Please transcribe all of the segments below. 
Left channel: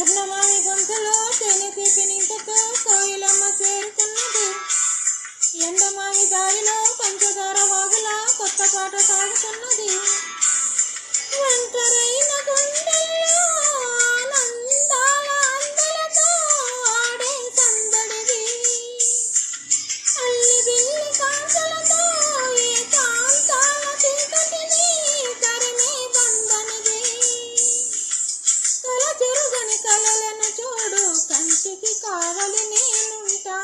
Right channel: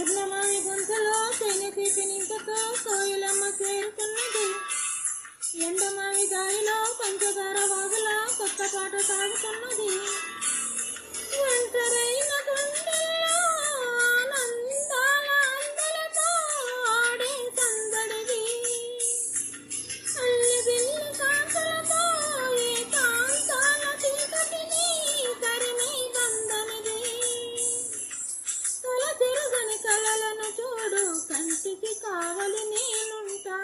పున్నమావి గొంతులో తేనె తీపి నింపుతూ కోయిలమ్మ చేరుకున్నది. ఎండమావి దారిలో పంచదార వాగులా కొత్త పాట సాగుతున్నది. ఒంటరైన గుండెల్లో ఆనందాల అందలతో ఆడే సందడిది. అల్లి బిల్లి కాంతలతో ఈ కాంతాల చీకటిని తరిమే బంధనిది. కల చెరుగని కలలను చూడు, కంటికి కావలి నేనుంటా.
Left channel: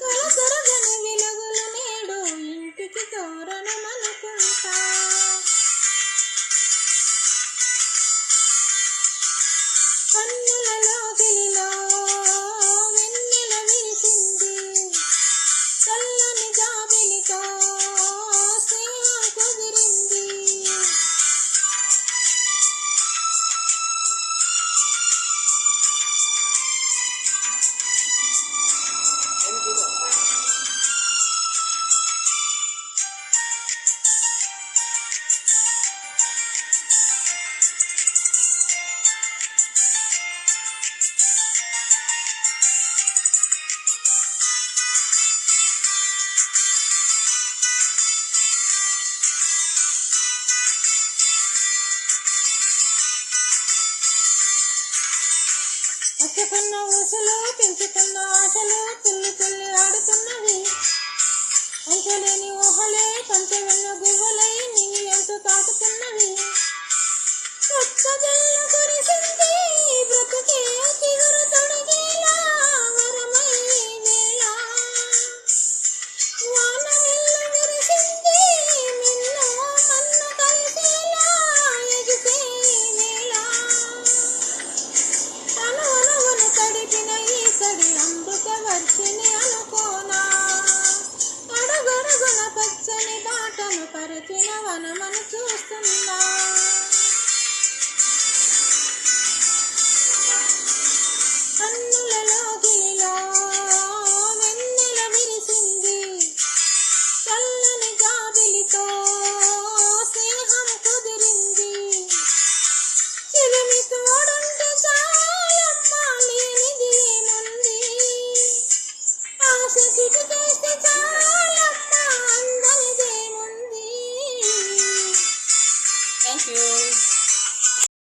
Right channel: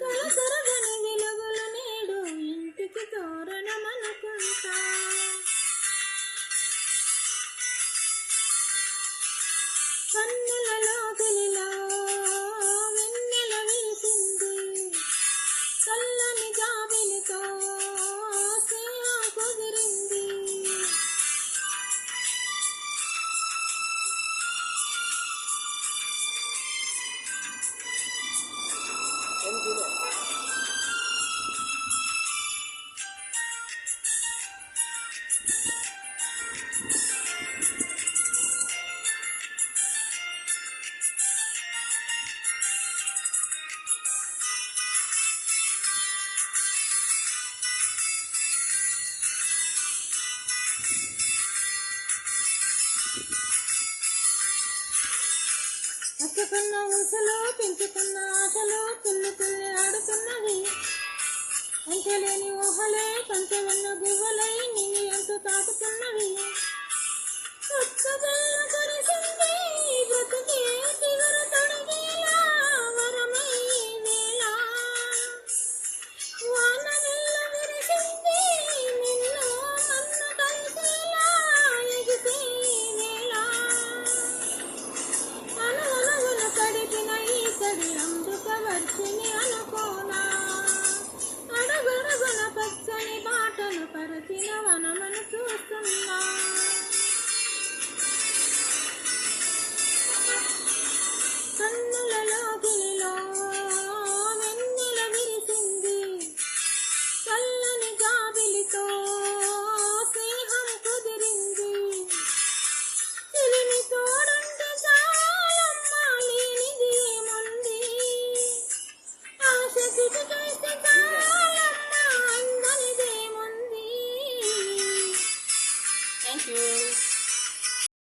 కల చెరుగని వెలుగులు నేడు, ఇంటికి తోరణమనుకుంటా. కన్నులలో గిలిలో వెన్నెల వీసింది. చల్లని జాబిలితో స్నేహం కుదిరింది. పట్టుకున్న ఊసులు పెంచుకున్న ఆశలు తుల్లి తుల్లి ఆడుతున్నవి. అంచెలేని ఊహలే పంచవెన్న గువ్వలై నీ ఎంతో తాకుతున్నవి. కొత్త